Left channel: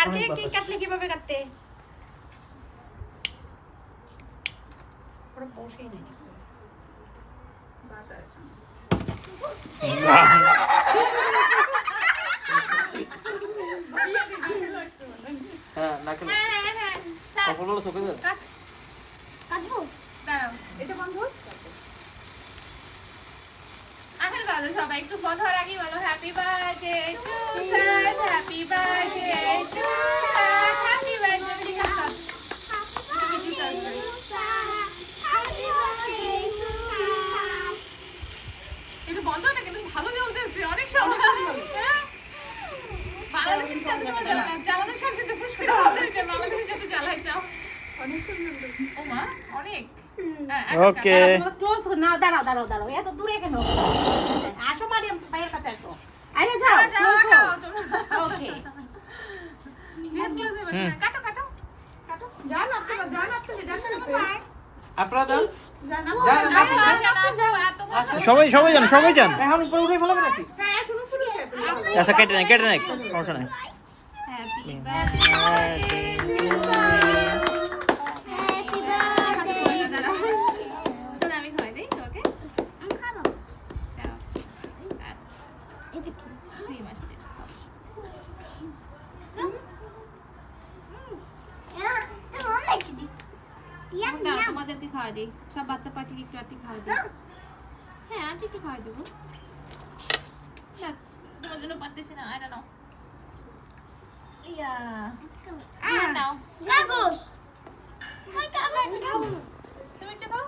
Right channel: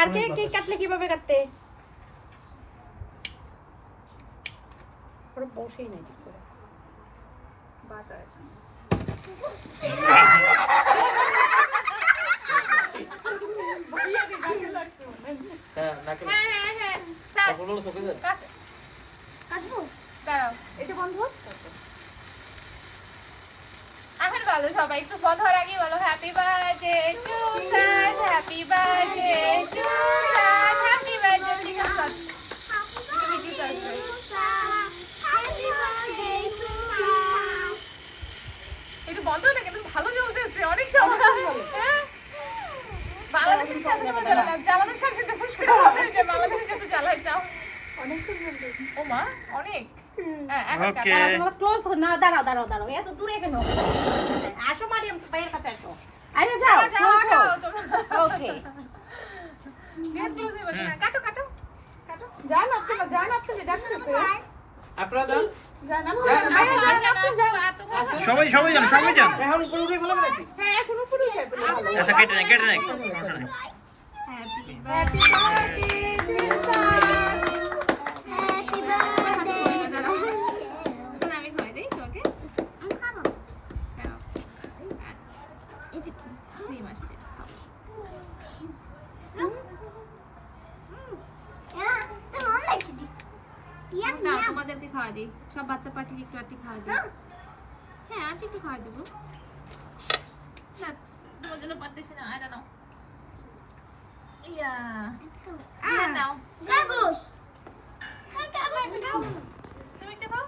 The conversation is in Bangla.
পার্কে কি কাটলে কিভাবে কাটতে পুরো বসেই নাই ঠিক করে হ্যাঁ নাকে হ্যাঁ কখনো চোখে যায় কাটবো দাঁড়াও এটা বন্ধ এখন বলো সবাই একটু বন্ধ হওয়ার আগেই বলো happy birthday to sir happy birthday to sir happy birthday ঠিক আছে তুমি কি করবে একটু বন্ধ না কিন্তু ভালো চলতেছে অনেক সময় হ্যাঁ বাংলাদেশে জ্বালানোর সাথে সাথে ফুসফুস হয়ে যায় বাংলাদেশে যত জ্বালাইতাম অনেক ও মা অনেক ওকে তোমরা ক্লোজ নাও দাঁড়াও এত দূরে কেন আসো মারিয়াম ভাইয়ের কাছে আসো আরে যাও ওকে কাটো কাটো যান আপনি যান আপনারা যান সবাই যান এখন উপরে উঠে ফেলা রাখি আচ্ছা কেটে নেই সমস্যা নেই হ্যাপি বার্থডে আমি খাই দেই তোকে খাবো এটা কি ক্রিম আসছে তোমাদেরকে খাওয়া দিই সব বাচ্চা পার্টিকে একটু আটি খাওয়া দিই হ্যাঁ আটি একটু খাওয়া দেবো না তোমার জন্য পারতেছি না আয় নাও ইয়া নাও তুমি একটা খাও